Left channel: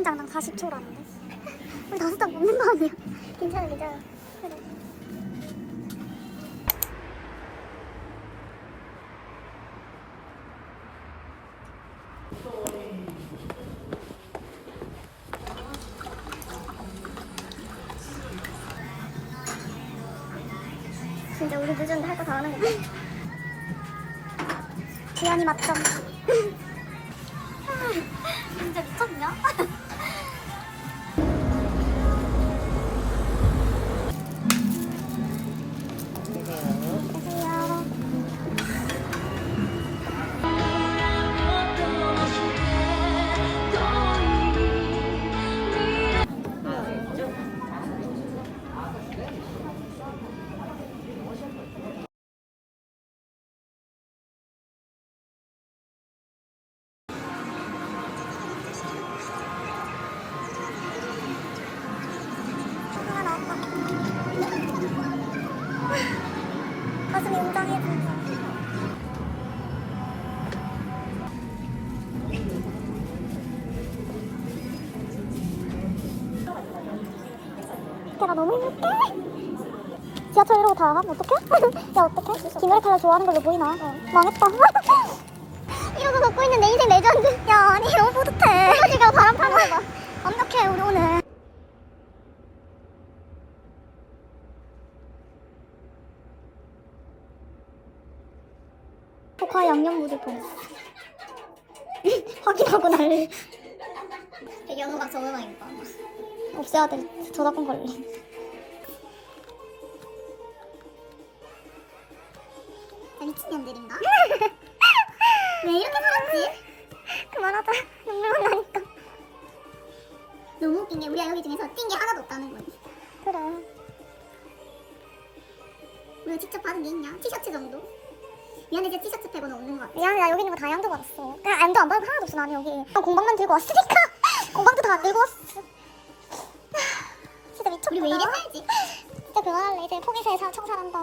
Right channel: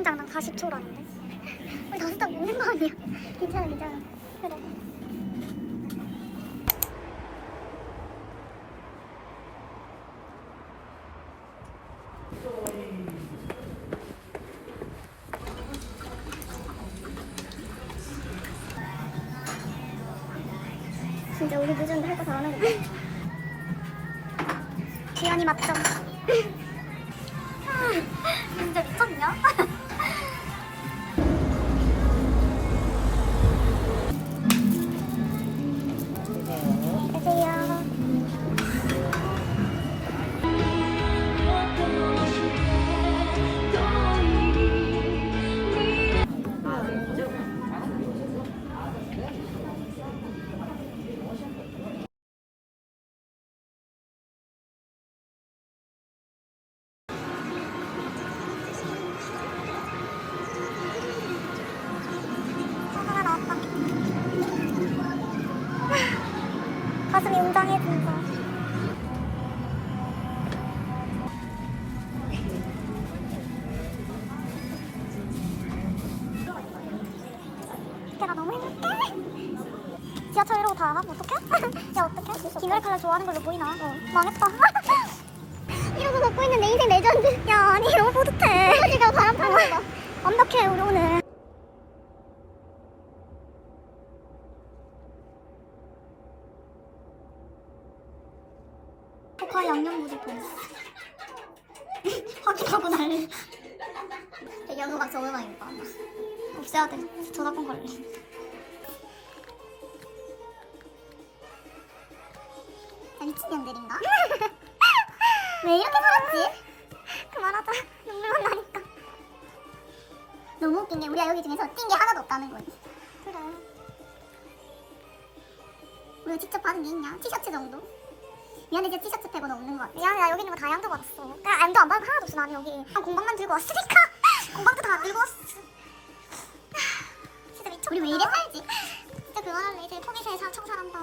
한 장당 40초라는데. 우리 다섯 장 먹는 거 아니야? 괜찮아, 괜찮아. 그래. 진짜 우리 늦었는데 할 거 다 하는 거야. 지연이 맞점. 진짜 미쳤냐? 가슴이 웅장해진다. 야, 나 너무 힘들게. 지하철 이러고 다 가면 어떡해? 야, 어떡해? 카라 좋아하는 걸로 보이나? 망했다. 이러고 걷고 있는 내 인생 레전드. 야, 아니, 너무 뿌듯해. 지가 바람 타고 완벽해, 우리 오늘. 포카 양념무지통 확인하고 난리 배경음악 정음악인가 없애야 돼 저작권 관리 나 미친년들인가? 왜 이렇게 살았지? 그만하자 눈물만 나니까 너무 웃긴 게 우리가 여기 중에서 뛴 게 하나도 없다는 거지 그래 우리가 직접 받은 게 있냐? 티셔츠 정도? 미안해 이제 티셔츠 빼고는 없는 거 같아. 미안해 나 여기 있는 거 다 양도 받았어. 그냥 M도 안 받고 하나도 없어 나는 여기. 또 공방만 들고 왔으니까 공방도 다 안 들고 왔어. 진짜 미쳤다. 우리 왜 이래 살지? 진짜 그만할래. 이제 통일사에 살 청산한다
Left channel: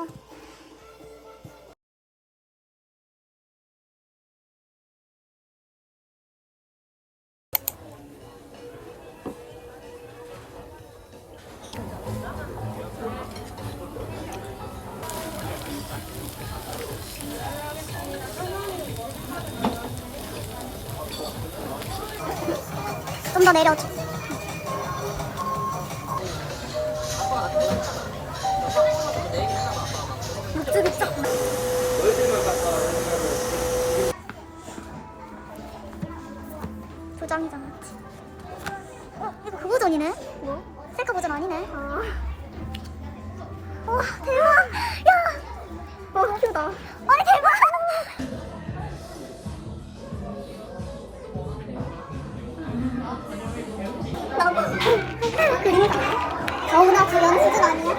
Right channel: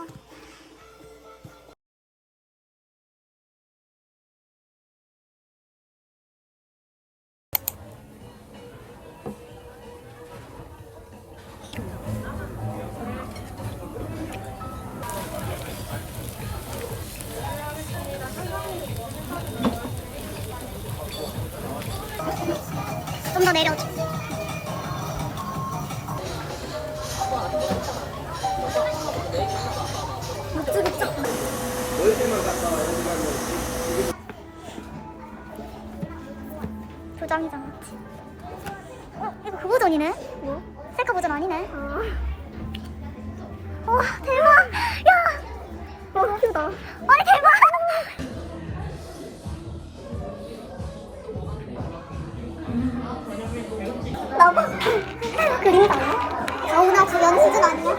더 내려줘 목줄 미쳤 도장이잖아 어? 이거 그 버전이네? 뭐? 셀카 버전 아니네 아. 와 대박 야 와, 큐다 아니 대박 나봐 그림 가오나 조연 수준 아니야?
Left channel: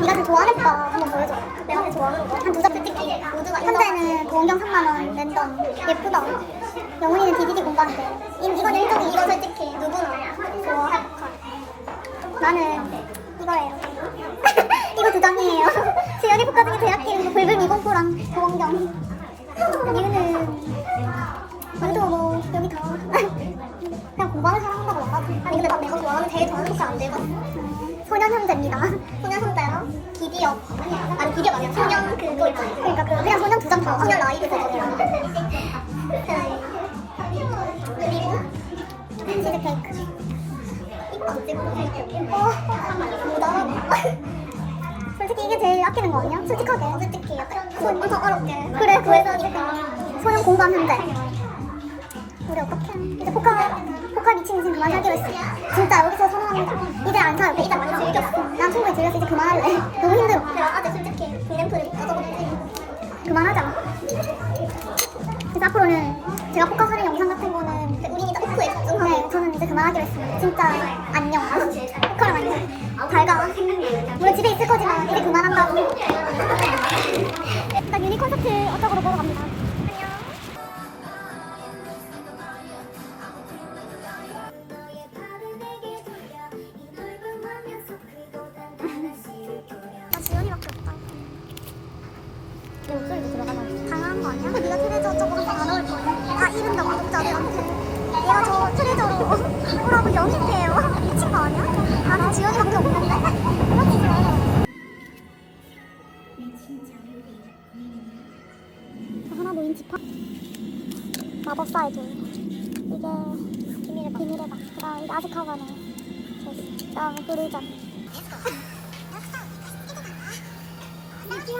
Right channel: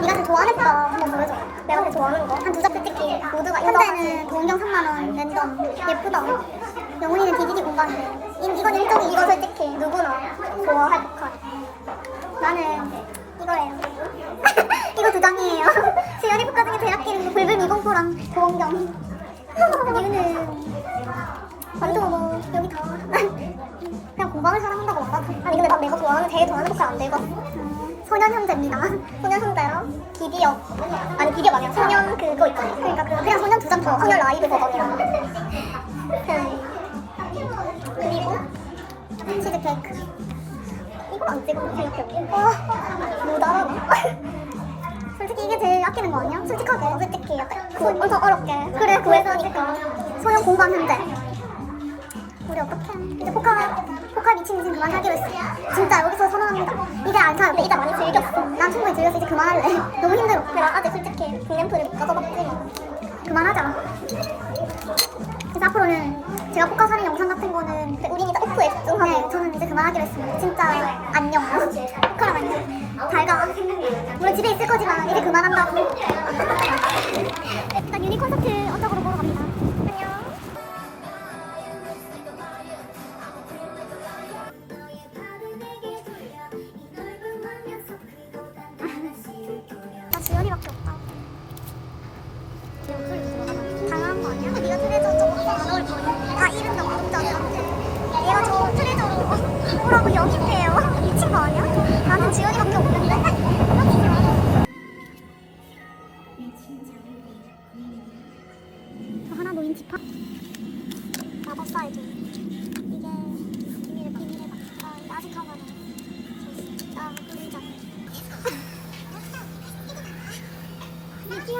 네가 제일 좋아하는 거 한번 보여줘. 내가 제일 좋아하는 거한 두 잡지 찍기 모두가 현재는 보온경 3만원 랜덤 예쁘다. 영훈이는 DVD 공방이래 이- 이건 일종이 이거 솔직히 누구나 좋아할 법한 나는 이거예요. 이거 두 장이에요. 지연이 포카 중에 제약 기름 불불 미공포랑 보온경. 이거는 우리도 뭐 여기 다 공방을 사랑한다고 말하지. 아니 근데 난 내가 좋아하는 제일 좋아하는 것도 안 음, 소년 형제입니다. 소년 형제랑 기디업 아니 기디업 아니야 소년 그거 있잖아. 그러니까 그 그냥 소년 두장 다 소년 라이브 버전이야 그리고 치즈 케이크. 이거 안 찍어 케이크 못 알아봐 솔직히 이게 제일 아끼는 거 아니야? 솔직하게. 솔직히 손 엄청 어렵게. 그래 구해서 지금 소년 공방 현재 우리 어떡해 이제 포카 포카 미친 인생 그만 하기로 했어 진짜 여기서 선언합니다. 이제 안 사요. 이제 많이 즐겼어 난 충분히 즐겼어 이제 그만할래. 너무 힘들어. 야 아직 솔직히 빅램프를 까져봤지 그만하자. 그래서 앞으로는 제가 포카 사는 영상 같은 거는 우린 이제 오프에 집중하고 네 저는 이제 그만하기로 했습니다. 진짜 안녕. 포카랑 안녕. 잘가 물론 집에 있을 거지만 이제 그만한다고. 일단 유니 콘서트 어쩌고로 보러 갑니다 구독자들한테. 얘가 저 트레저로 오라고 영입해요. 미친 거 아니야? 나는 지연이밖에 없는데. 저 하나 놓인 지팡. 마법사 해줘. 이게 비밀의 비밀의 방. 나 아직 하고 가네. 나 그러자. 누구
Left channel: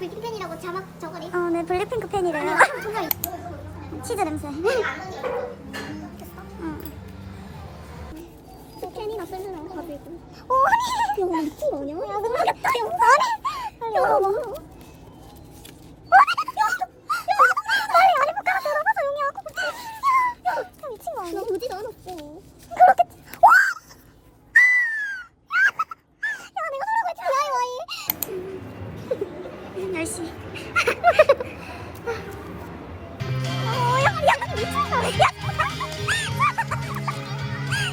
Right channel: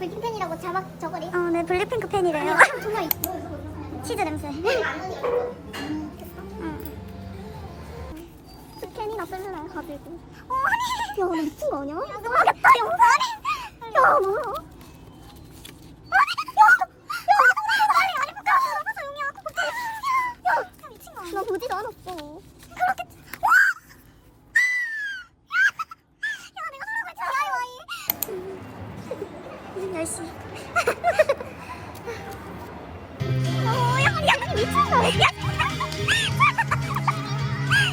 블랙핑 팬이라고 자막 저거리. 어, 네 블랙핑크 팬이래요. 정말 치즈 냄새. 응. 스캔이나 쓸래 가지고. 어, 야, 나 미친 거 아니야? 야, 너무하겠다. 야, 아니. 야, 뭐야? 나 보지도 않았어. 그렇게. 와! 야, 내가 하라고 어,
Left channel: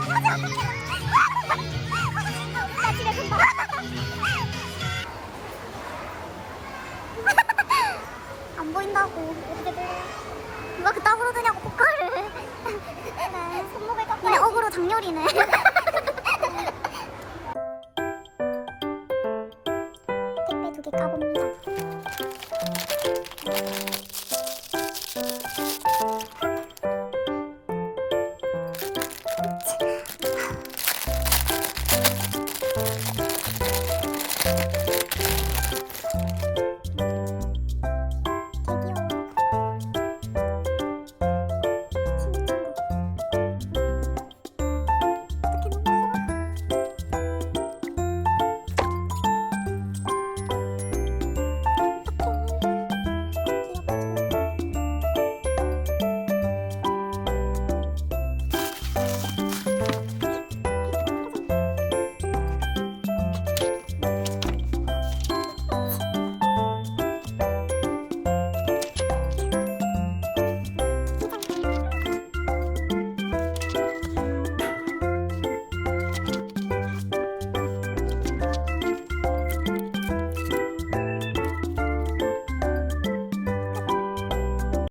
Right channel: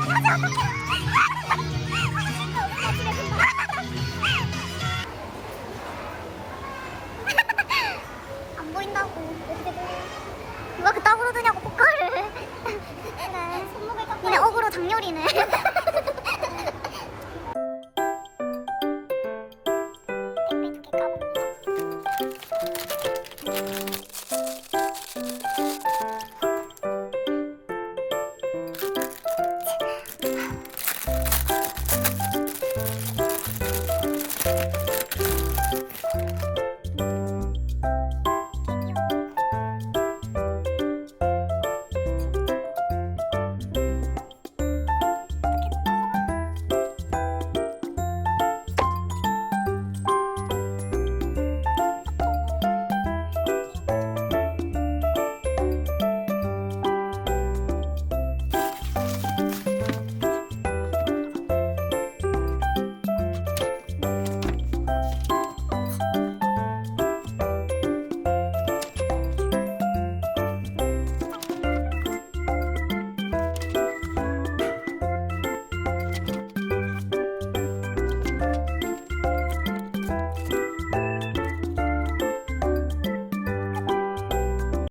금방. 안 보인다고.